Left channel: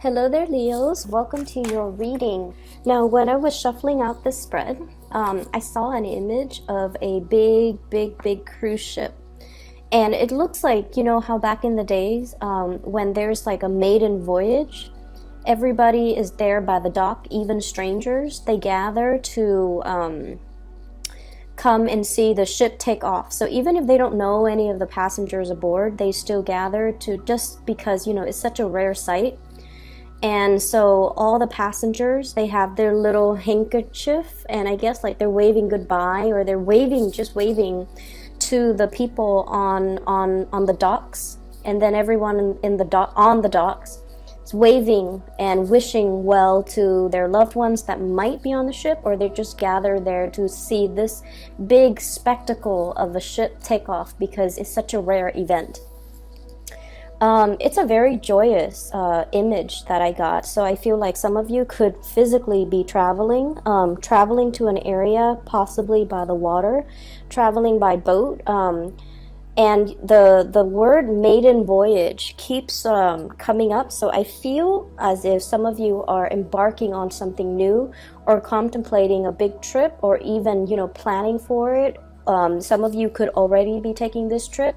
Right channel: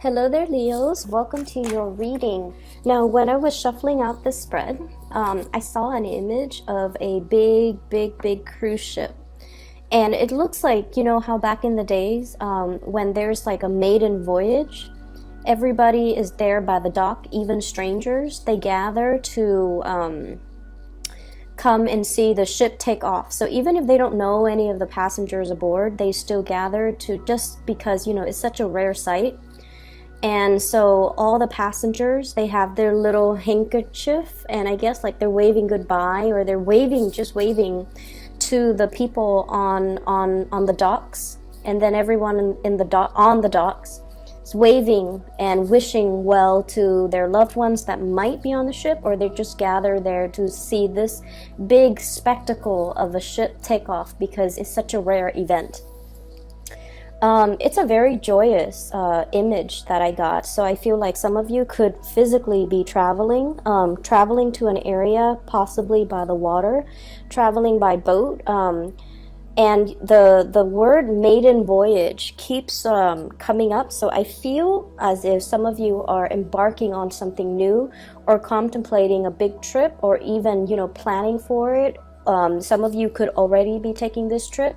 Hello there, Leos. Welcome to your reading. Now, when I was shuffling out the spread, I saw an image of a big cruise ship. And it looks like, how back in the days, when there's like a maiden voyage, everybody is there by the dock, even strangers. They gather to come and see the ship take off. So even if they don't know any of the passengers aboard, they still gather to just because, it's such a rare sight. And so all the passengers, they have their little handkerchief, and I guess like they're waving goodbye, or they're just waving to the people on the docks. And then everyone in the on the docks is waving and wishing well to their loved ones that might be on the ship, or they just gather there to see this big spectacle of the ship take off because it's such a rare event. It's a very joyous image that I got. So I feel like some of you could physically be traveling to an area, possibly by the water, traveling by boat. And the word maiden voyage keeps coming up. So I feel as if some of you are embarking on something new, or contemplating a big trip, or even, planning for it. Some of you could already be taking this trip,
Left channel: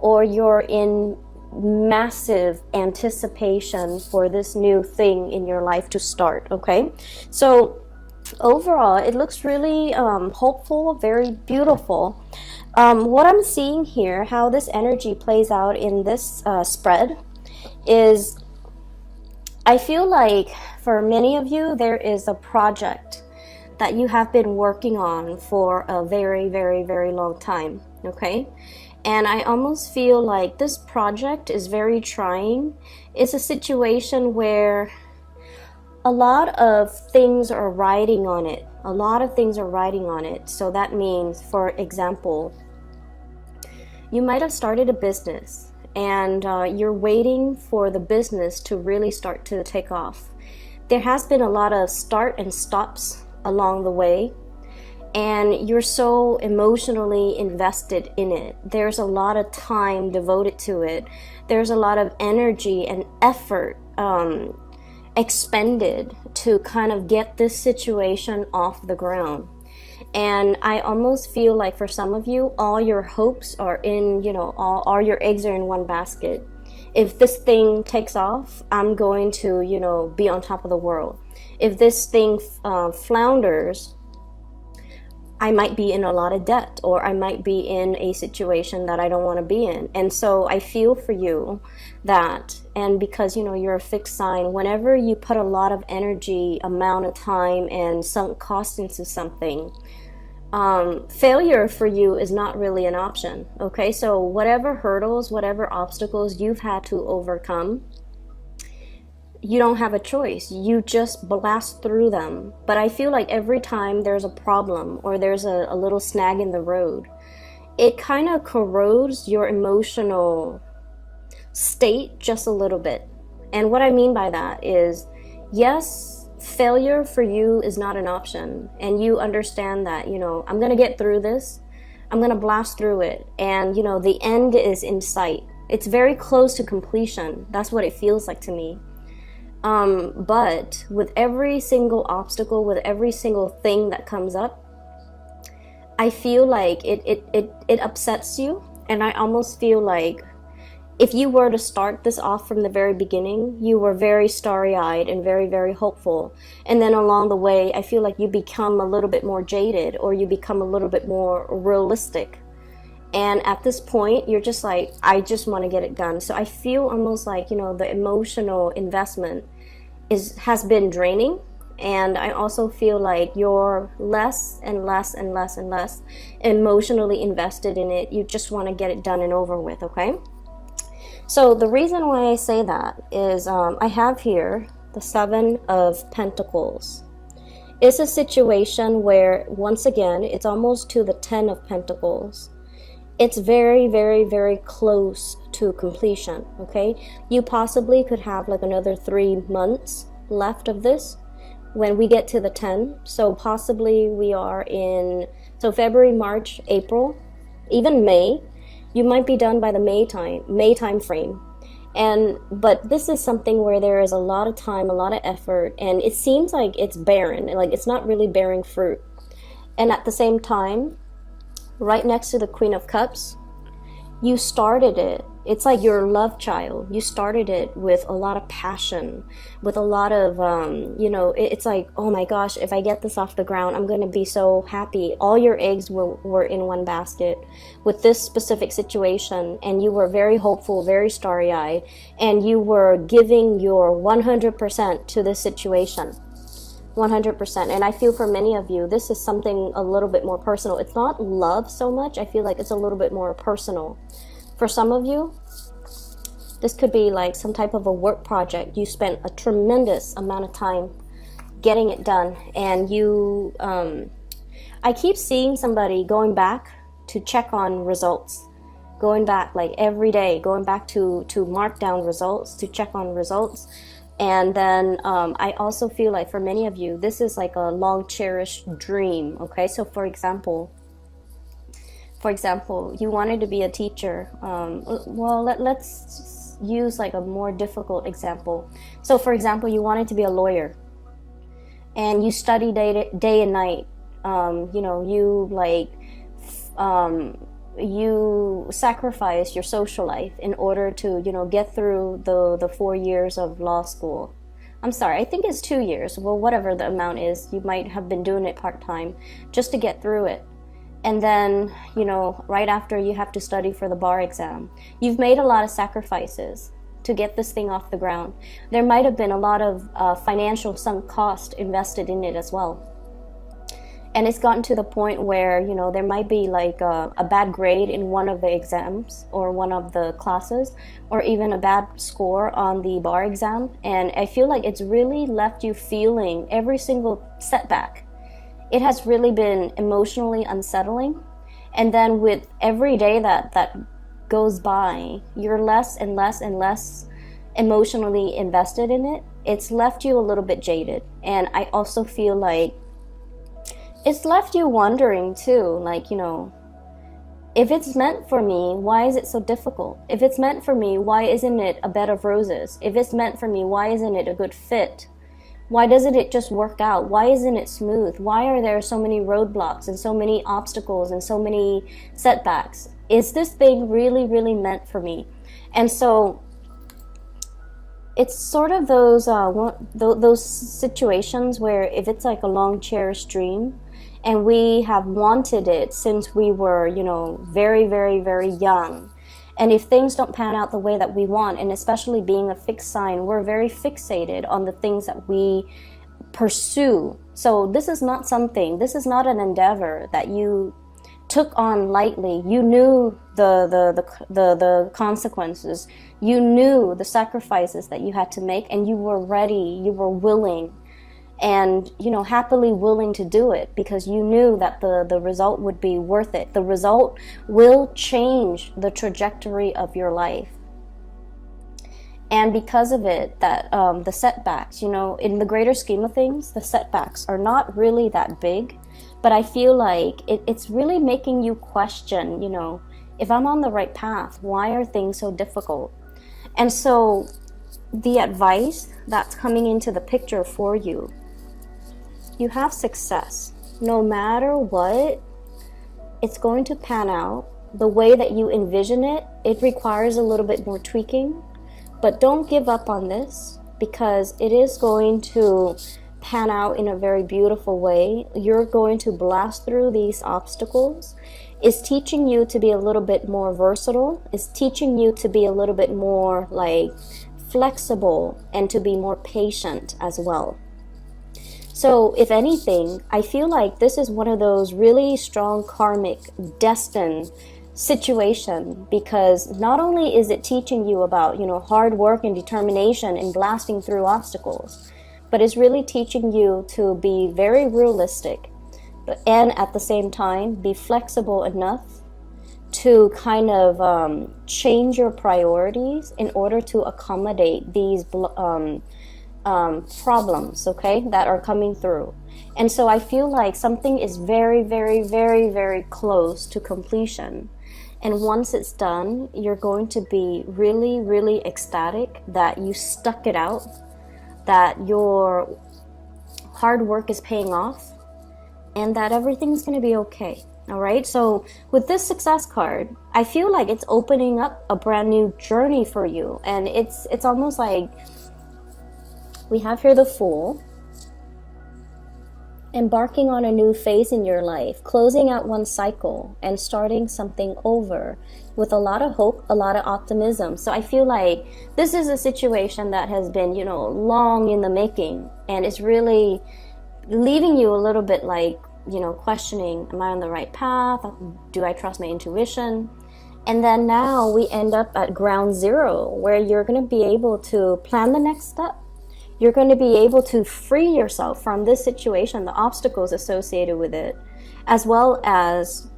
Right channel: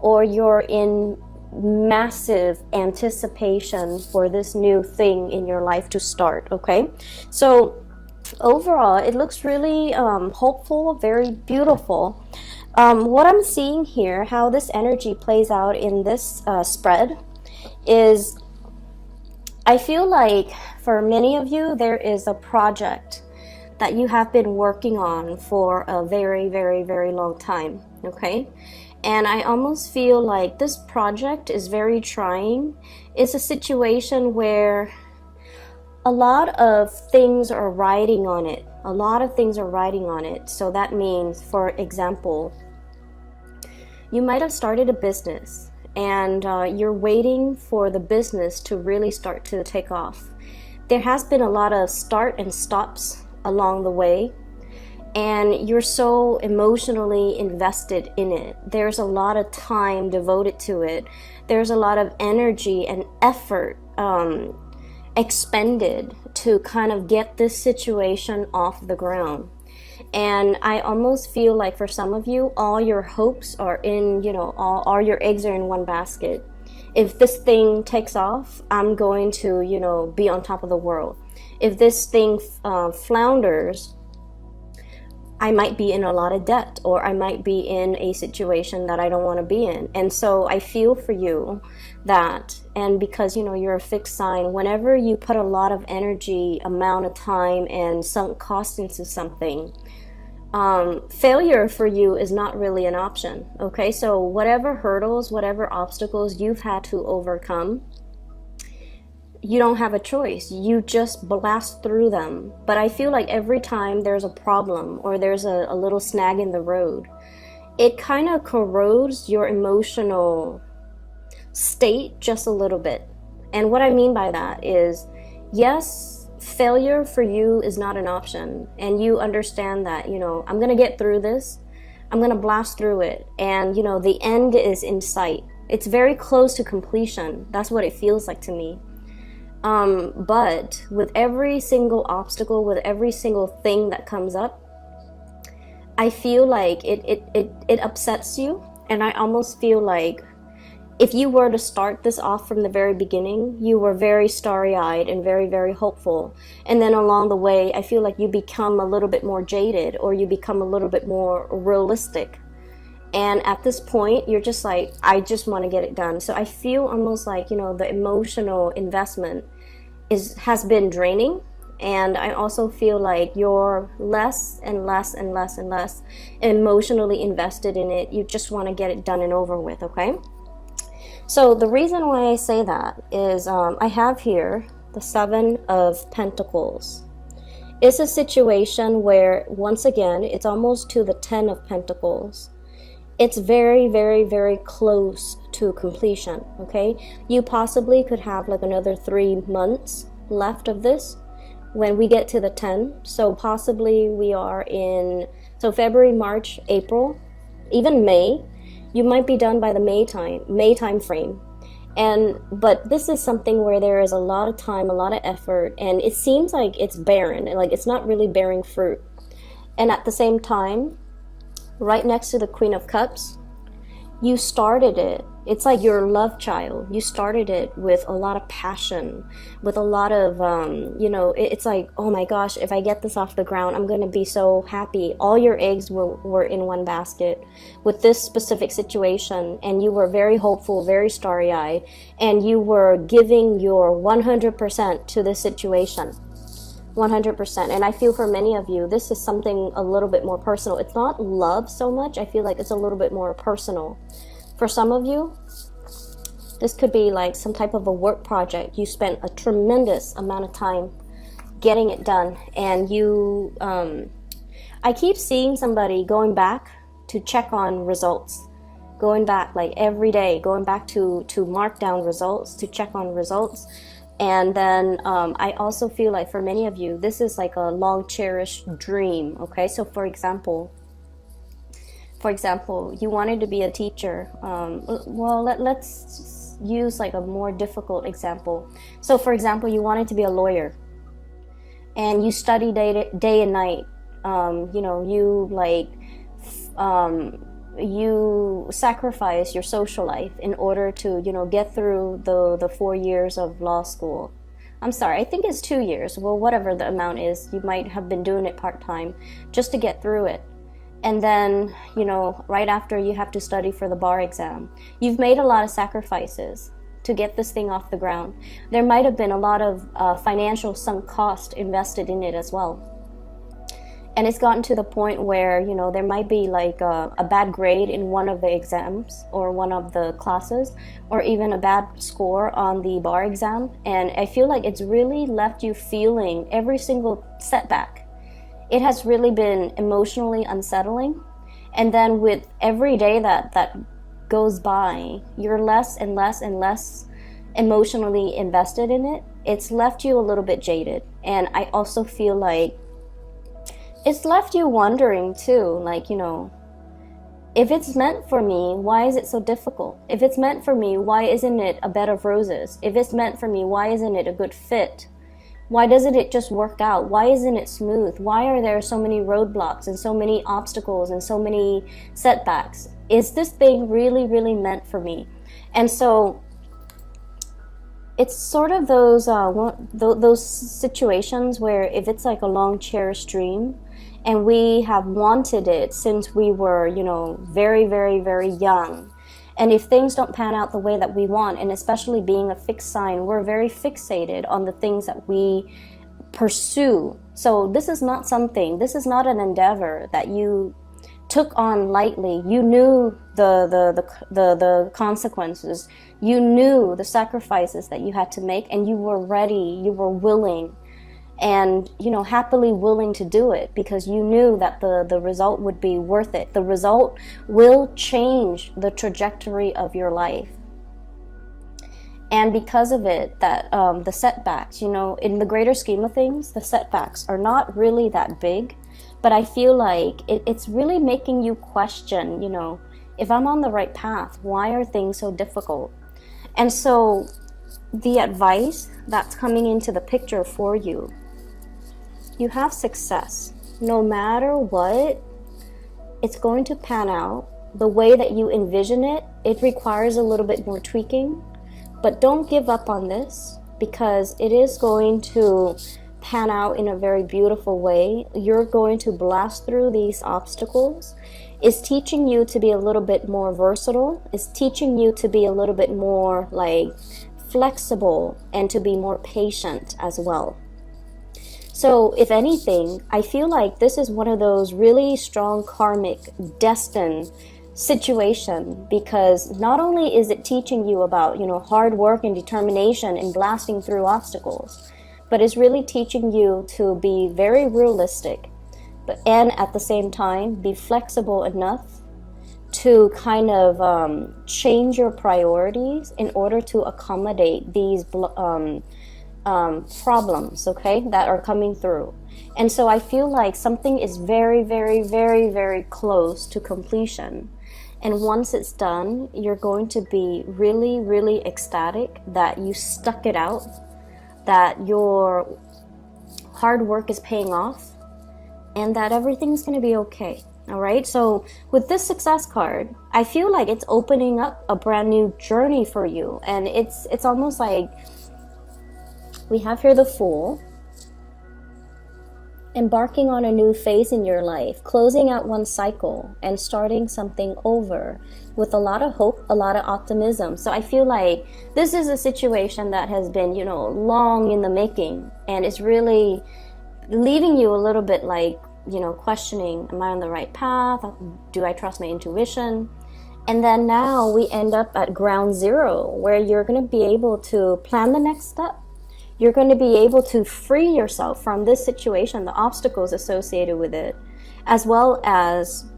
or you're in massive anticipation for this new thing in your life to start. Okay, so overall it looks really hopeful, very beautiful. What I'm seeing here, how this energy plays out in this spread, is I feel like for many of you there is a project that you have been working on for a very long time. Okay, and I almost feel like this project is very trying. It's a situation where a lot of things are riding on it. So that means, for example, you might have started a business, and you're waiting for the business to really start to take off. There has been a lot of start and stops along the way, and you're so emotionally invested in it. There's a lot of time devoted to it. There's a lot of energy and effort expended to kind of get this situation off the ground. And I almost feel like for some of you, all your hopes are in, all your eggs are in one basket. If this thing takes off, I'm going to, be on top of the world. If this thing flounders, I might be in a lot of debt, or I might be in a situation that I don't want to be in. And so I feel for you that, and because, you're a fixed sign, whenever you put a lot of energy, amount of time, and sunk cost into something, failure for you is not really an option. Okay, so whatever hurdles, whatever obstacles you've had to overcome, you don't have a choice. You just blast through them. But I feel like every time there's a problem, or there's a little snag in the road, it kind of corrodes your emotional state just a little bit. And what I mean by that is, yes, failure for you is not an option. And you understand that, I'm going to get through this. I'm going to blast through it. And, the end is in sight. It's very close to completion. That's what it feels like to me. But with every single obstacle, with every single thing that comes up, I feel like it upsets you. And I almost feel like if you were to start this off from the very beginning, you were very starry-eyed and very hopeful. And then along the way, I feel like you become a little bit more jaded, or you become a little bit more realistic. And at this point, you're just like, I just want to get it done. So I feel almost like, the emotional investment has been draining. And I also feel like you're less and less emotionally invested in it. You just want to get it done and over with, okay? So the reason why I say that is I have here the 7 of Pentacles. It's a situation where, once again, it's almost to the 10 of Pentacles. It's very close to completion, okay? You possibly could have like another 3 months left of this when we get to the 10. So possibly we are in, February, March, April, even May. You might be done by the May time frame. But this is something where there is a lot of time, a lot of effort, and it seems like it's barren, and like it's not really bearing fruit. And at the same time, right next to the Queen of Cups, you started it. It's like your love child. You started it with a lot of passion, with a lot of, it's like, oh my gosh, if I get this off the ground, I'm going to be so happy. All your eggs were in one basket with this specific situation, and you were very hopeful, very starry-eyed, and you were giving your 100% to this situation. 100%. And I feel for many of you, this is something a little bit more personal. It's not love so much. I feel like it's a little bit more personal. For some of you, this could be like some type of a work project. You spent a tremendous amount of time getting it done. And I keep seeing somebody going back to check on results. Going back like every day, going back to mark down results, to check on results. And then I also feel like for many of you, this is like a long cherished dream. Okay, so for example, you wanted to be a teacher. Let's use like a more difficult example. So for example, you wanted to be a lawyer, and you study day and night. You sacrifice your social life in order to, get through the 4 years of law school. I'm sorry, I think it's 2 years. Well, whatever the amount is, you might have been doing it part-time just to get through it. And then, right after, you have to study for the bar exam. You've made a lot of sacrifices to get this thing off the ground. There might have been a lot of financial sunk cost invested in it as well. And it's gotten to the point where, there might be like a bad grade in one of the exams or one of the classes, or even a bad score on the bar exam. And I feel like it's really left you feeling every single setback. It has really been emotionally unsettling. And then with every day that goes by, you're less and less and less emotionally invested in it. It's left you a little bit jaded. And I also feel like it's left you wondering too, like, if it's meant for me, why is it so difficult? If it's meant for me, why isn't it a bed of roses? If it's meant for me, why isn't it a good fit? Why doesn't it just work out? Why isn't it smooth? Why are there so many roadblocks and so many obstacles and so many setbacks? Is this thing really, really meant for me? And so it's sort of those situations where if it's like a long cherished dream, and we have wanted it since we were, very, very, very young. And if things don't pan out the way that we want, and especially being a fixed sign, we're very fixated on the things that we pursue. So this is not an endeavor that you took on lightly. You knew the consequences. You knew the sacrifices that you had to make, and you were ready, you were willing, and happily willing to do it because you knew that the result would be worth it. The result will change the trajectory of your life. And because of it, that the setbacks, in the greater scheme of things, the setbacks are not really that big, but I feel like it's really making you question, if I'm on the right path, why are things so difficult? And so the advice that's coming into the picture for you, you have success. No matter what, it's going to pan out the way that you envision it. It requires a little bit more tweaking, but don't give up on this because it is going to pan out in a very beautiful way. You're going to blast through these obstacles. It's teaching you to be a little bit more versatile. It's teaching you to be a little bit more like flexible and to be more patient as well. So if anything, I feel like this is one of those really strong karmic destined situation because not only is it teaching you about, hard work and determination and blasting through obstacles, but it's really teaching you to be very realistic, and at the same time, be flexible enough to kind of change your priorities in order to accommodate these problems, okay, that are coming through. And so I feel like something is very, very, very, very close to completion. And once it's done, you're going to be really, really ecstatic that you stuck it out, that your hard work is paying off, and that everything's going to be okay. All right. So with this success card, I feel like it's opening up a brand new journey for you. And it's almost like we have here the Fool, embarking on a new phase in your life, closing out one cycle and starting something over with a lot of hope, a lot of optimism. So I feel like this is a situation that has been, long in the making, and it's really leaving you a little bit like, questioning, am I on the right path? Do I trust my intuition? And then now we end up at ground zero, where you're going to be able to plan the next step. You're going to be able to free yourself from this situation, the obstacles associated with it, as well as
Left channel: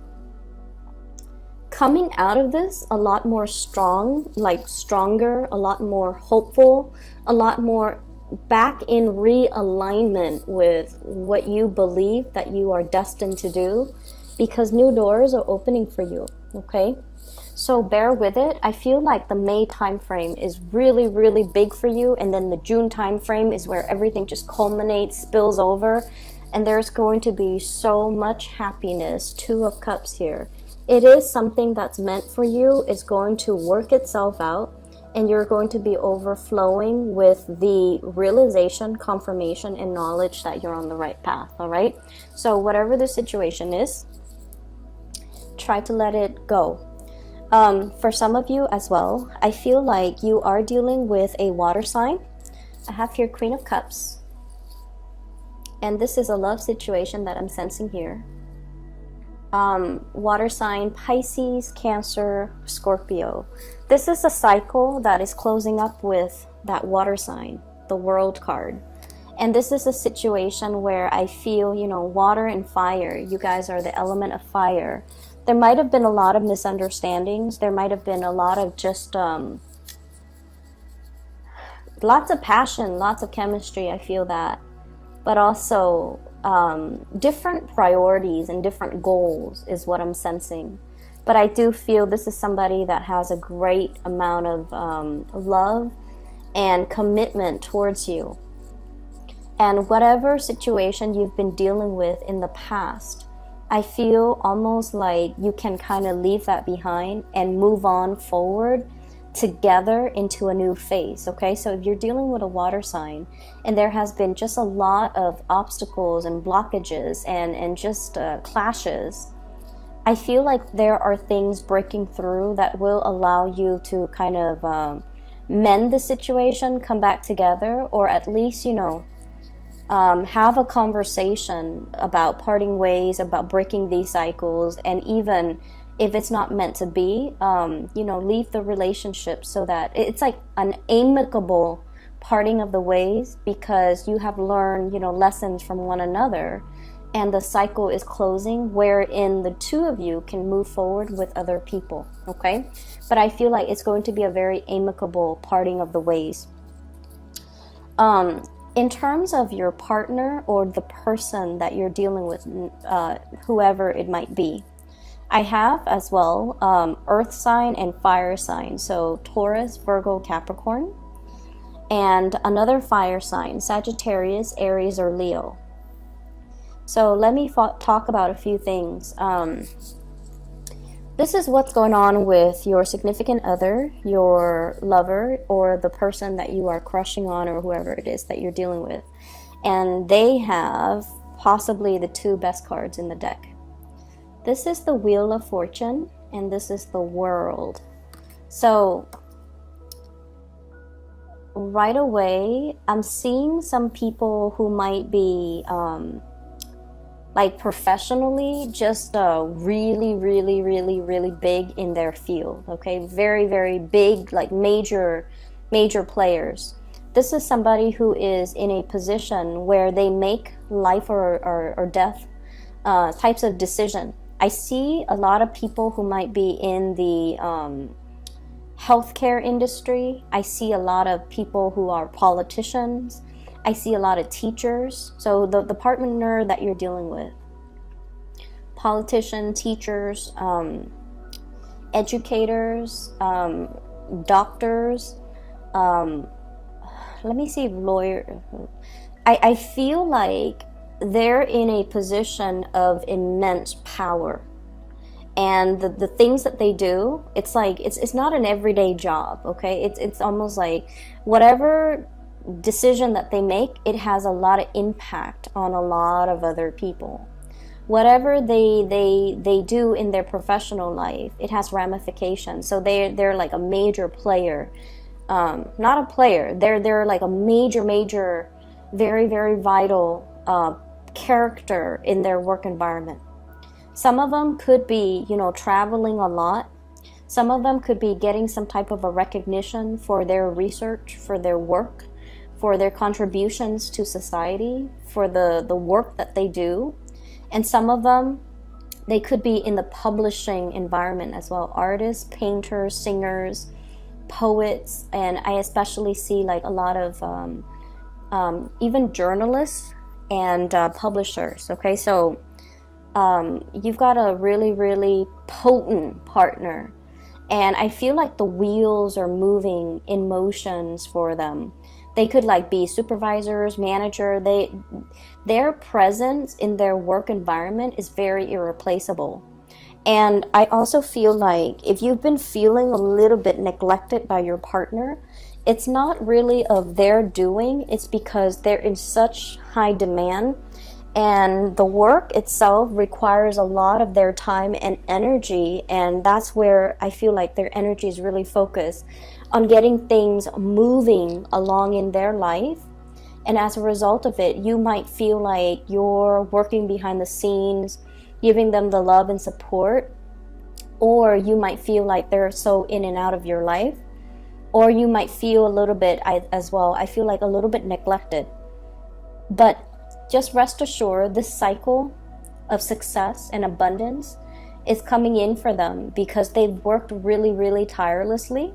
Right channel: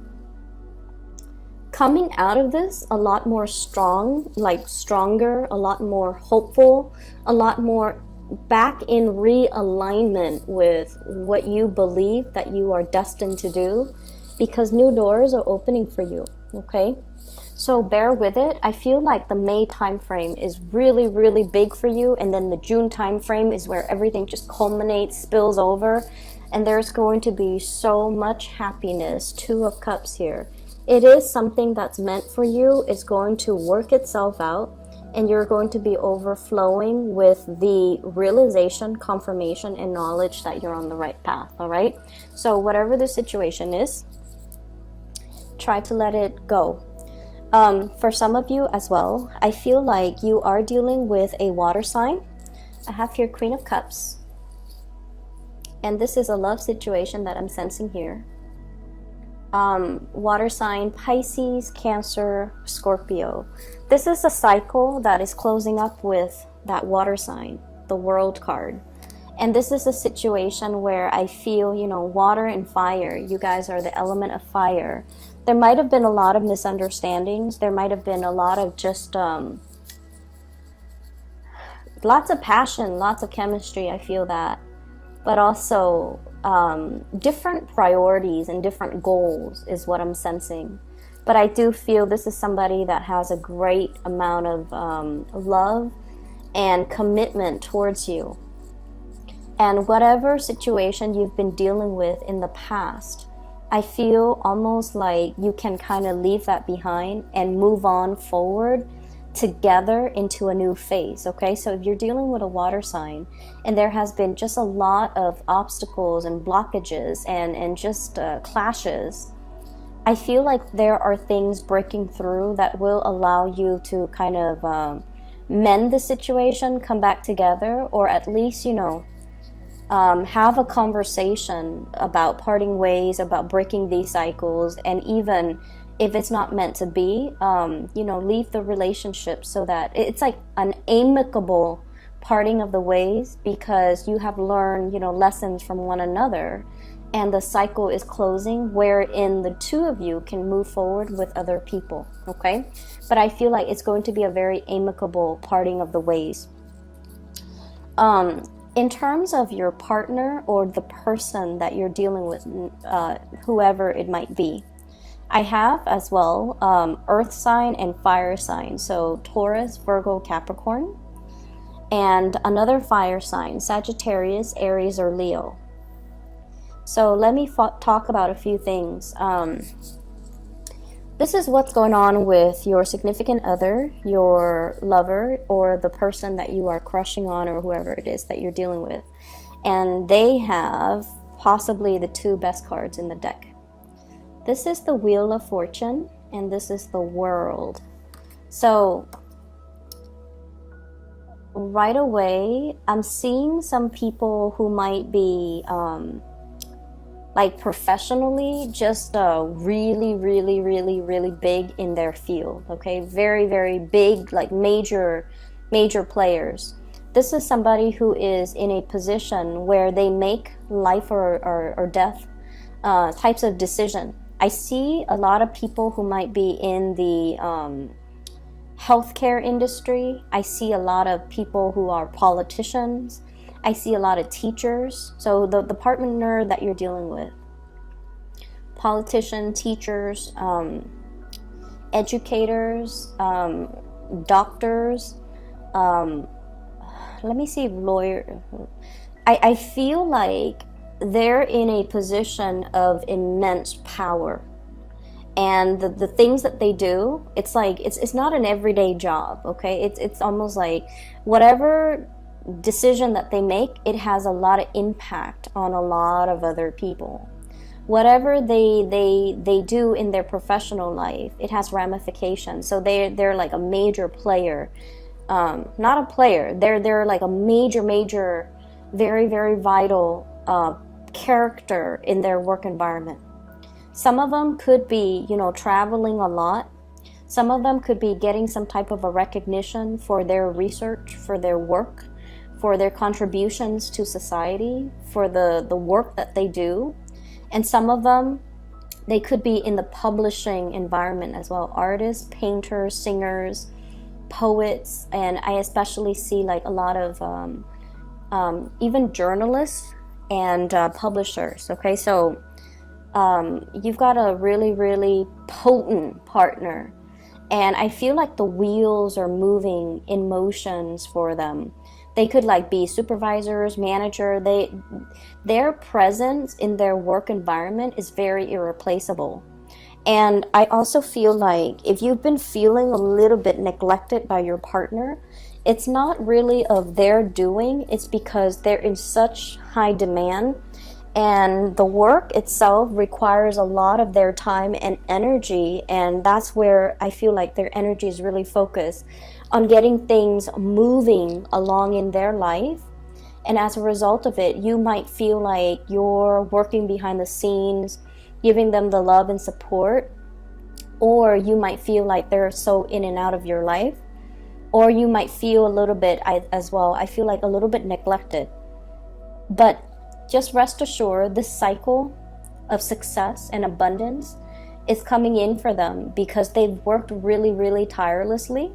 coming out of this a lot more stronger, a lot more hopeful, a lot more back in realignment with what you believe that you are destined to do, because new doors are opening for you, okay? So bear with it. I feel like the May time frame is really, really big for you. And then the June time frame is where everything just culminates, spills over. And there's going to be so much happiness. 2 of Cups here. It is something that's meant for you. It's going to work itself out. And you're going to be overflowing with the realization, confirmation, and knowledge that you're on the right path. All right? So whatever the situation is, try to let it go. For some of you as well, I feel like you are dealing with a water sign. I have here Queen of Cups. And this is a love situation that I'm sensing here. Water sign, Pisces, Cancer, Scorpio. This is a cycle that is closing up with that water sign, the World card. And this is a situation where I feel, water and fire. You guys are the element of fire. There might have been a lot of misunderstandings. There might have been a lot of just lots of passion, lots of chemistry. I feel that. But also different priorities and different goals is what I'm sensing. But I do feel this is somebody that has a great amount of love and commitment towards you. And whatever situation you've been dealing with in the past, I feel almost like you can kind of leave that behind and move on forward together into a new phase, okay? So if you're dealing with a water sign and there has been just a lot of obstacles and blockages and just clashes, I feel like there are things breaking through that will allow you to kind of mend the situation, come back together, or at least, have a conversation about parting ways, about breaking these cycles, and even if it's not meant to be, leave the relationship so that it's like an amicable parting of the ways, because you have learned, lessons from one another, and the cycle is closing wherein the 2 of you can move forward with other people, okay? But I feel like it's going to be a very amicable parting of the ways. In terms of your partner or the person that you're dealing with, whoever it might be, I have as well earth sign and fire sign. So Taurus, Virgo, Capricorn. And another fire sign, Sagittarius, Aries, or Leo. So let me talk about a few things. This is what's going on with your significant other, your lover, or the person that you are crushing on, or whoever it is that you're dealing with. And they have possibly the 2 best cards in the deck. This is the Wheel of Fortune, and this is the World. So right away, I'm seeing some people who might be professionally just really, really, really, really big in their field, okay? Very, very big, like major players. This is somebody who is in a position where they make life or death types of decision. I see a lot of people who might be in the healthcare industry. I see a lot of people who are politicians. I see a lot of teachers. So the partner that you're dealing with, politician, teachers, educators, doctors, let me see, lawyer. I feel like they're in a position of immense power. And the things that they do, it's like, it's not an everyday job, okay? It's almost like whatever decision that they make, it has a lot of impact on a lot of other people. Whatever they do in their professional life, it has ramifications. So they're like a major player. Not a player, they're like a major, very, very vital character in their work environment. Some of them could be, traveling a lot. Some of them could be getting some type of a recognition for their research, for their work, for their contributions to society, for the work that they do. And some of them, they could be in the publishing environment as well. Artists, painters, singers, poets, and I especially see like a lot of even journalists and publishers. Okay, so you've got a really, really potent partner, and I feel like the wheels are moving in motions for them. They could like be supervisors, manager. Their presence in their work environment is very irreplaceable. And I also feel like if you've been feeling a little bit neglected by your partner, it's not really of their doing. It's because they're in such high demand, and the work itself requires a lot of their time and energy. And that's where I feel like their energy is really focused on getting things moving along in their life. And as a result of it, you might feel like you're working behind the scenes, giving them the love and support, or you might feel like they're so in and out of your life, or you might feel a little bit, as well, I feel like a little bit neglected. But just rest assured, this cycle of success and abundance is coming in for them because they've worked really, really tirelessly,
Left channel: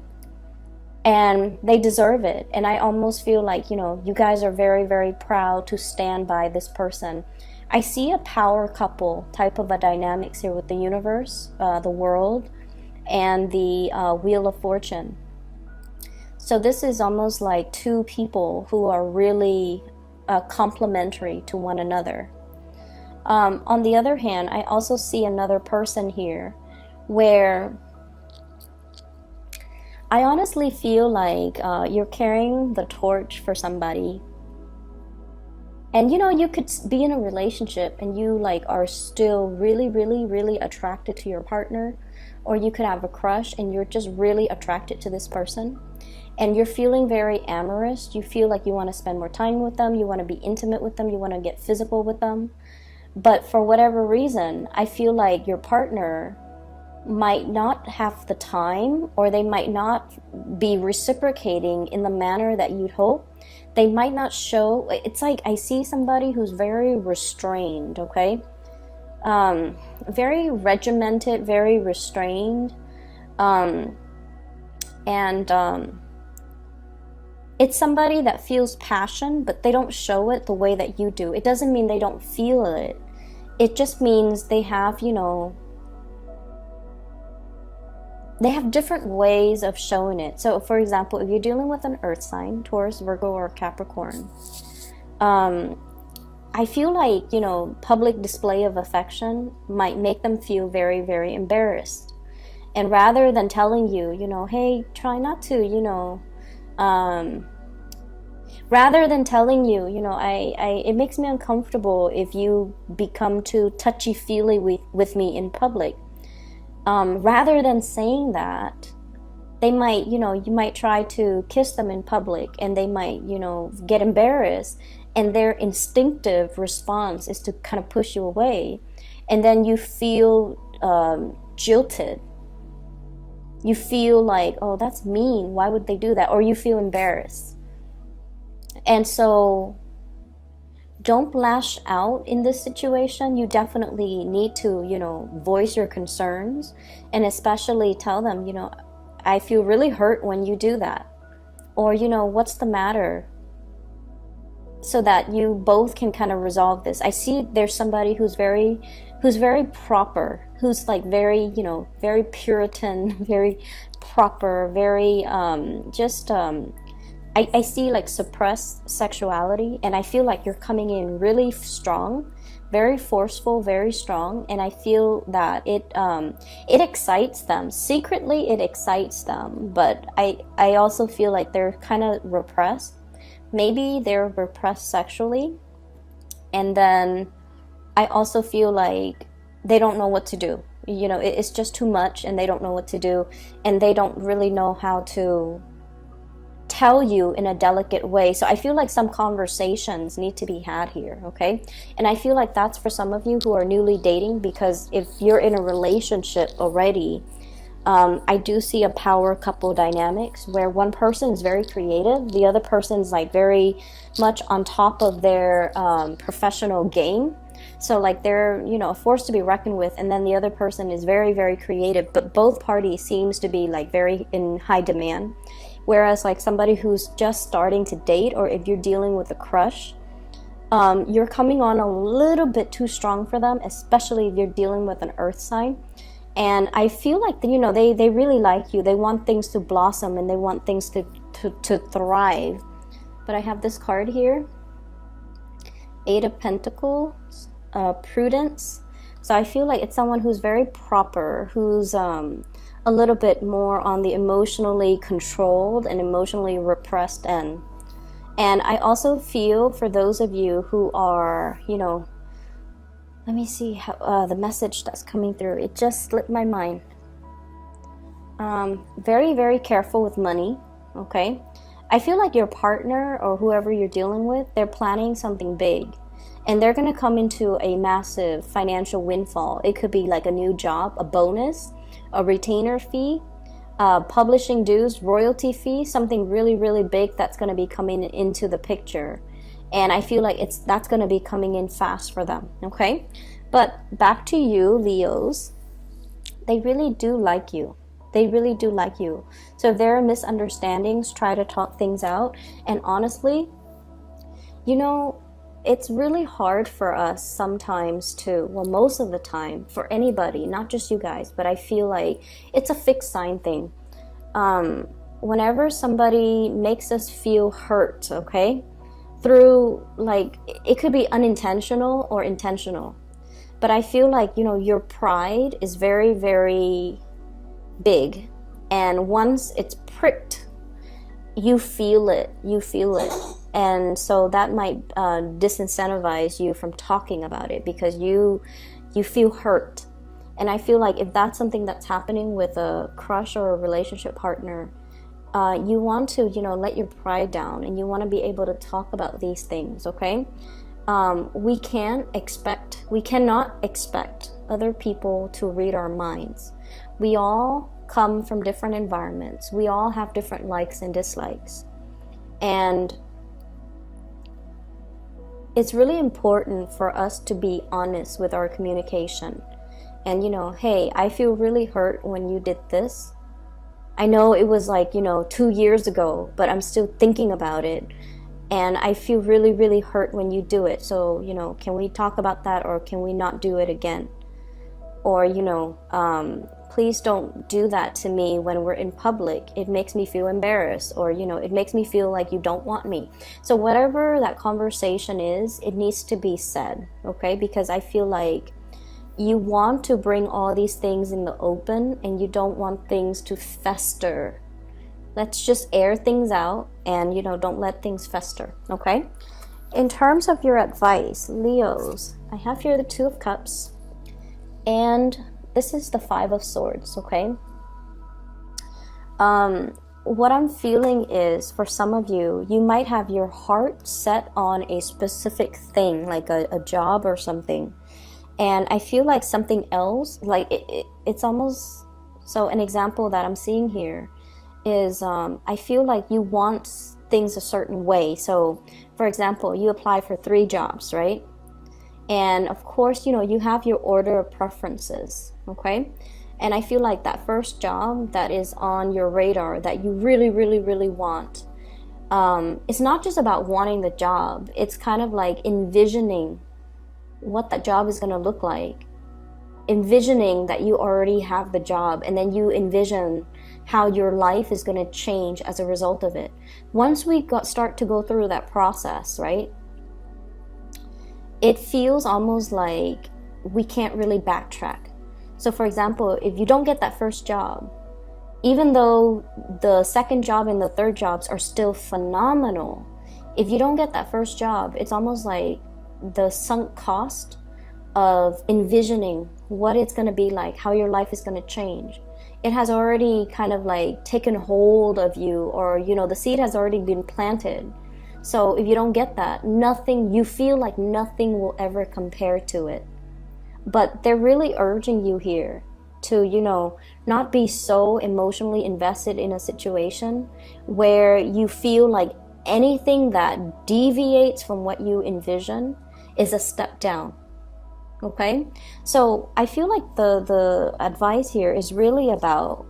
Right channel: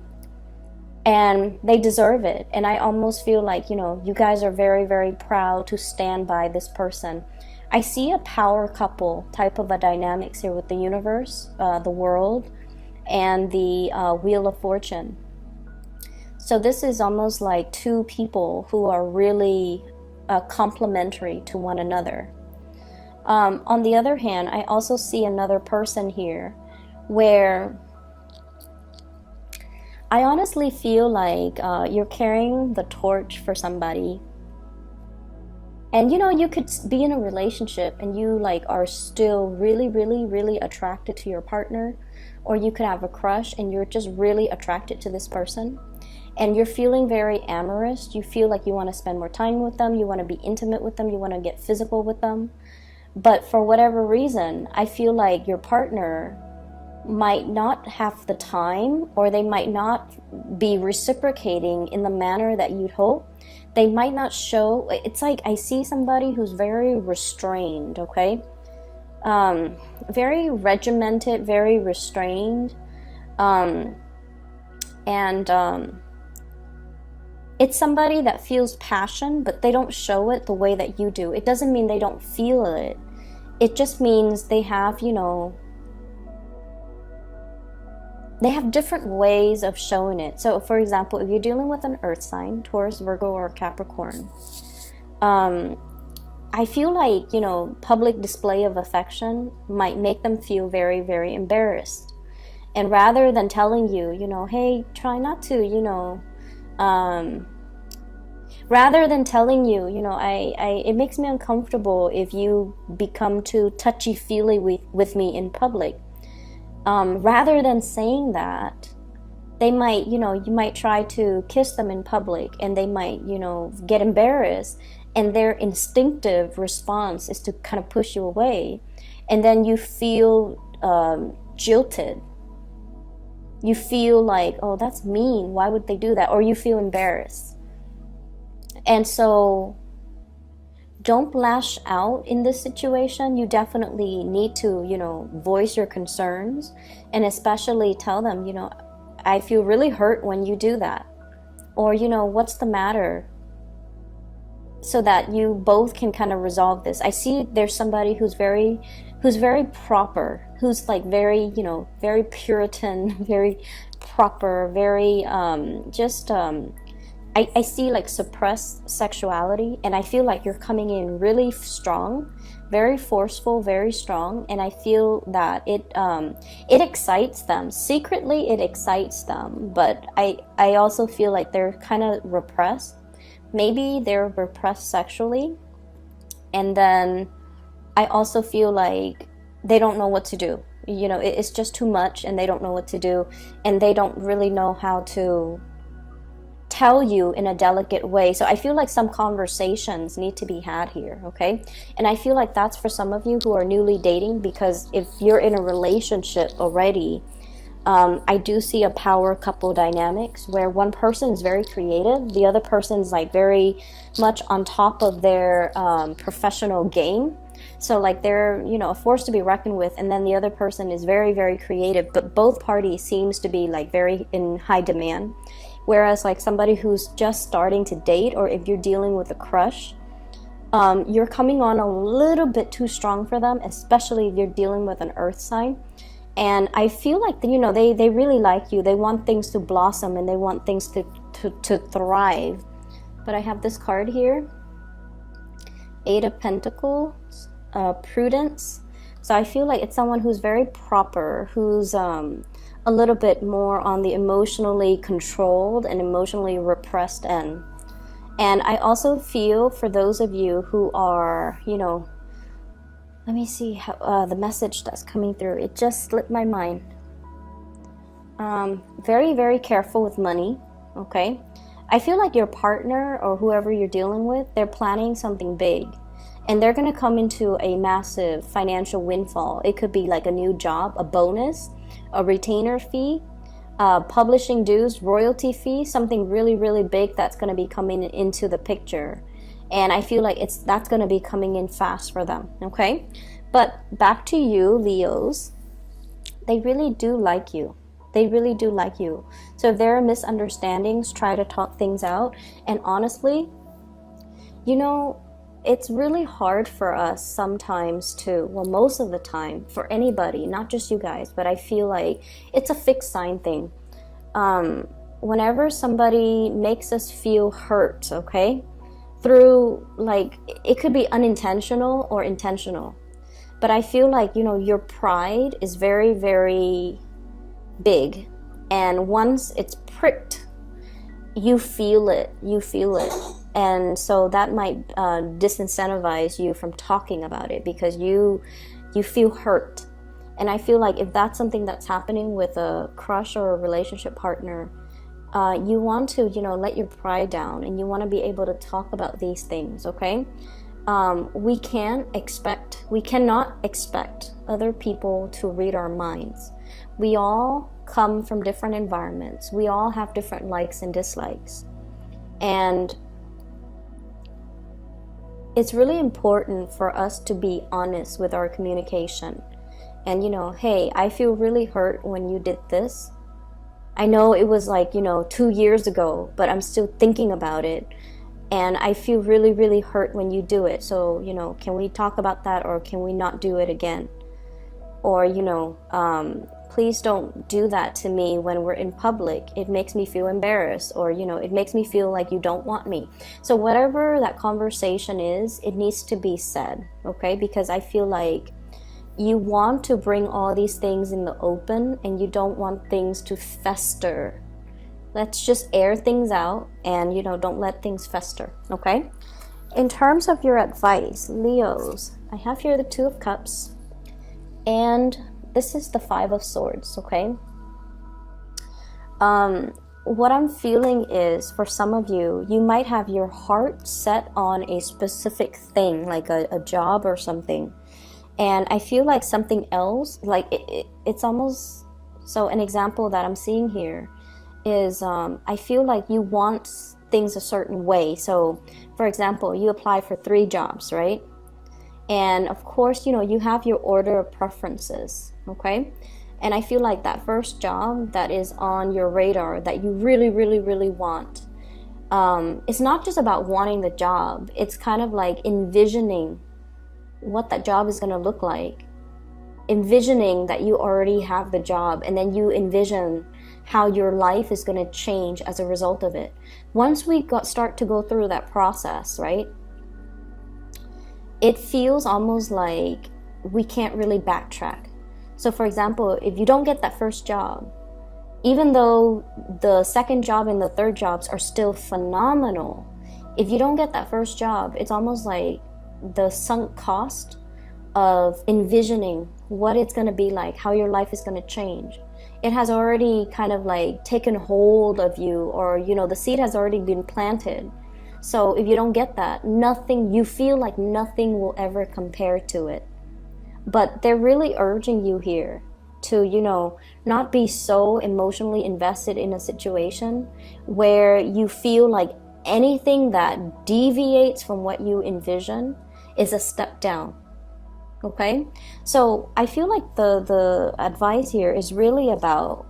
and they deserve it. And I almost feel like, you guys are very, very proud to stand by this person. I see a power couple type of a dynamics here with the universe, the world, and the Wheel of Fortune. So this is almost like two people who are really complementary to one another. On the other hand, I also see another person here where I honestly feel like you're carrying the torch for somebody. And you could be in a relationship and you like are still really, really, really attracted to your partner, or you could have a crush and you're just really attracted to this person, and you're feeling very amorous. You feel like you want to spend more time with them, you want to be intimate with them, you want to get physical with them. But for whatever reason, I feel like your partner might not have the time, or they might not be reciprocating in the manner that you'd hope. They might not show. It's like I see somebody who's very restrained, okay? Very regimented, very restrained. It's somebody that feels passion, but they don't show it the way that you do. It doesn't mean they don't feel it. It just means they have, they have different ways of showing it. So, for example, if you're dealing with an earth sign, Taurus, Virgo, or Capricorn, I feel like, public display of affection might make them feel very, very embarrassed. And rather than telling you, hey, try not to, rather than telling you, it makes me uncomfortable if you become too touchy-feely with me in public. Rather than saying that, they might, you might try to kiss them in public, and they might, get embarrassed, and their instinctive response is to kind of push you away, and then you feel jilted. You feel like, oh, that's mean, why would they do that? Or you feel embarrassed. And so don't lash out in this situation. You definitely need to, voice your concerns, and especially tell them, I feel really hurt when you do that. Or, what's the matter? So that you both can kind of resolve this. I see there's somebody who's very proper, who's like very, very Puritan, very proper, very I see like suppressed sexuality, and I feel like you're coming in really strong, very forceful, very strong, and I feel that it excites them. Secretly, it excites them, but I also feel like they're kind of repressed. Maybe they're repressed sexually, and then I also feel like they don't know what to do. It's just too much, and they don't know what to do, and they don't really know how to tell you in a delicate way. So I feel like some conversations need to be had here, okay? And I feel like that's for some of you who are newly dating, because if you're in a relationship already, I do see a power couple dynamics where one person is very creative, the other person's like very much on top of their professional game. So like they're, a force to be reckoned with, and then the other person is very, very creative, but both parties seems to be like very in high demand. Whereas like somebody who's just starting to date, or if you're dealing with a crush, you're coming on a little bit too strong for them, especially if you're dealing with an earth sign. And I feel like, they really like you. They want things to blossom, and they want things to thrive. But I have this card here, Eight of Pentacles, Prudence. So I feel like it's someone who's very proper, who's a little bit more on the emotionally controlled and emotionally repressed end. And I also feel for those of you who are, let me see how the message that's coming through. It just slipped my mind. Very, very careful with money, okay? I feel like your partner or whoever you're dealing with, they're planning something big. And they're going to come into a massive financial windfall. It could be like a new job, a bonus, a retainer fee, publishing dues, royalty fee, something really, really big that's going to be coming into the picture. And I feel like that's going to be coming in fast for them, okay? But back to you, Leos. They really do like you. They really do like you. So if there are misunderstandings, try to talk things out. And honestly, it's really hard for us sometimes to, well, most of the time, for anybody, not just you guys, but I feel like it's a fixed sign thing. Whenever somebody makes us feel hurt, okay, through, like, it could be unintentional or intentional, but I feel like, your pride is very, very big, and once it's pricked, you feel it. And so that might disincentivize you from talking about it, because you feel hurt. And I feel like if that's something that's happening with a crush or a relationship partner, you want to, let your pride down, and you want to be able to talk about these things, okay? We cannot expect other people to read our minds. We all come from different environments. We all have different likes and dislikes. And it's really important for us to be honest with our communication. And, hey, I feel really hurt when you did this. I know it was like, 2 years ago, but I'm still thinking about it. And I feel really, really hurt when you do it. So, can we talk about that, or can we not do it again? Or, please don't do that to me when we're in public. It makes me feel embarrassed, or, it makes me feel like you don't want me. So whatever that conversation is, it needs to be said, okay? Because I feel like you want to bring all these things in the open, and you don't want things to fester. Let's just air things out, and, don't let things fester, okay? In terms of your advice, Leos, I have here the Two of Cups, and this is the Five of Swords, okay? What I'm feeling is, for some of you, you might have your heart set on a specific thing, like a job or something. And I feel like something else, like it's almost, so an example that I'm seeing here is, I feel like you want things a certain way. So, for example, you apply for 3 jobs, right? And of course, you have your order of preferences, okay? And I feel like that first job that is on your radar that you really, really, really want, it's not just about wanting the job. It's kind of like envisioning what that job is going to look like. envisioning that you already have the job, and then you envision how your life is going to change as a result of it. Once we start to go through that process, right, it feels almost like we can't really backtrack. So for example, if you don't get that first job, even though the second job and the third jobs are still phenomenal, if you don't get that first job, it's almost like the sunk cost of envisioning what it's going to be like, how your life is going to change. It has already kind of like taken hold of you, or, you know, the seed has already been planted. So if you don't get that, nothing, you feel like nothing will ever compare to it. But they're really urging you here to, you know, not be so emotionally invested in a situation where you feel like anything that deviates from what you envision is a step down. Okay? So I feel like the advice here is really about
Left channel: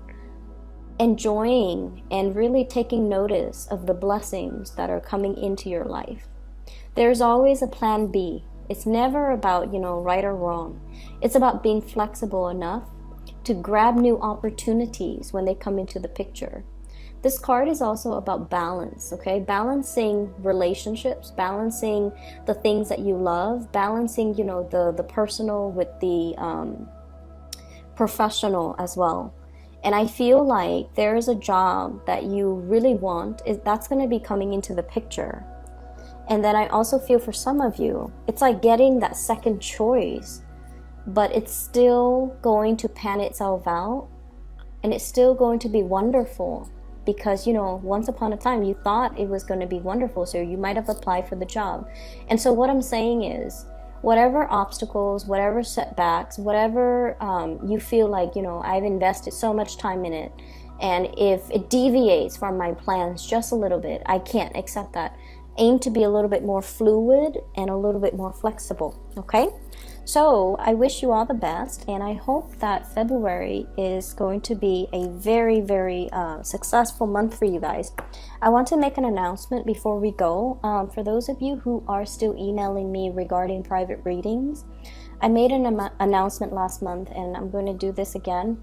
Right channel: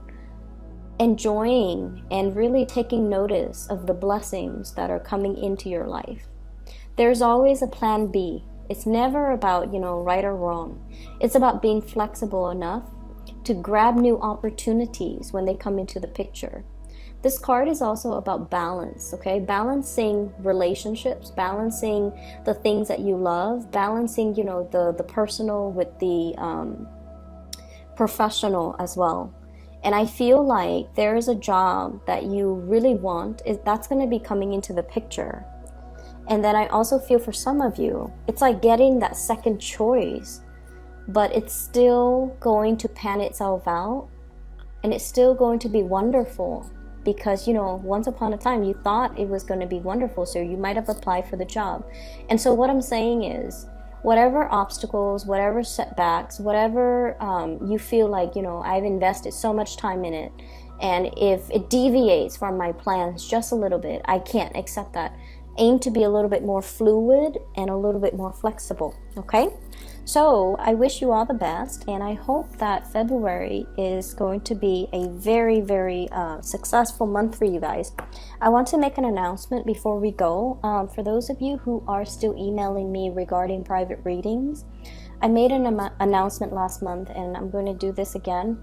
enjoying and really taking notice of the blessings that are coming into your life. There's always a plan B. It's never about, you know, right or wrong. It's about being flexible enough to grab new opportunities when they come into the picture. This card is also about balance, okay? Balancing relationships, balancing the things that you love, balancing, you know, the personal with the professional as well. And I feel like there is a job that you really want, that's going to be coming into the picture. And then I also feel for some of you, it's like getting that second choice, but it's still going to pan itself out, and it's still going to be wonderful. Because, you know, once upon a time you thought it was going to be wonderful, so you might have applied for the job. And so what I'm saying is, whatever obstacles, whatever setbacks, whatever you feel like, you know, I've invested so much time in it, and if it deviates from my plans just a little bit, I can't accept that. Aim to be a little bit more fluid and a little bit more flexible, okay? So I wish you all the best, and I hope that February is going to be a very, very successful month for you guys. I want to make an announcement before we go. For those of you who are still emailing me regarding private readings, I made an announcement last month, and I'm going to do this again.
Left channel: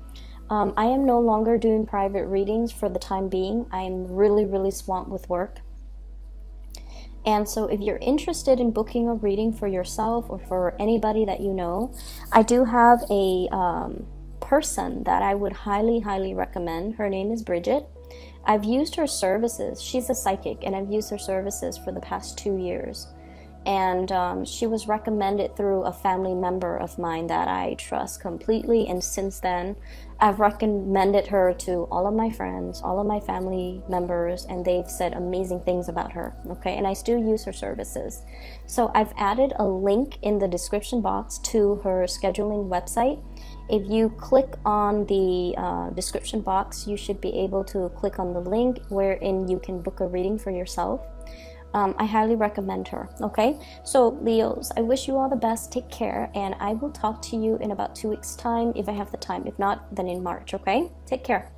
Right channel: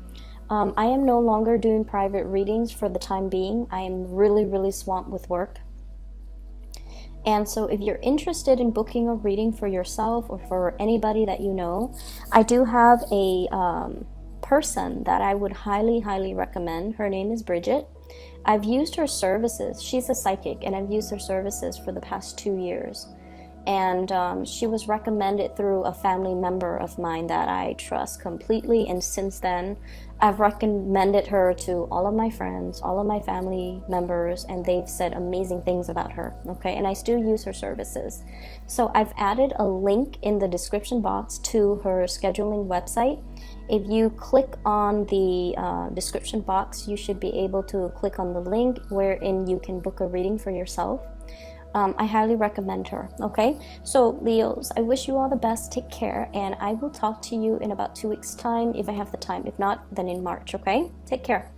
I am no longer doing private readings for the time being. I am really, really swamped with work. And so if you're interested in booking a reading for yourself or for anybody that you know, I do have a person that I would highly, highly recommend. Her name is Bridget. I've used her services. She's a psychic, and I've used her services for the past 2 years. And she was recommended through a family member of mine that I trust completely. And since then, I've recommended her to all of my friends, all of my family members, and they've said amazing things about her. Okay, and I still use her services. So I've added a link in the description box to her scheduling website. If you click on the description box, you should be able to click on the link wherein you can book a reading for yourself. I highly recommend her. Okay, so Leos, I wish you all the best. Take care, and I will talk to you in about 2 weeks' time if I have the time. If not, then in March. Okay, take care.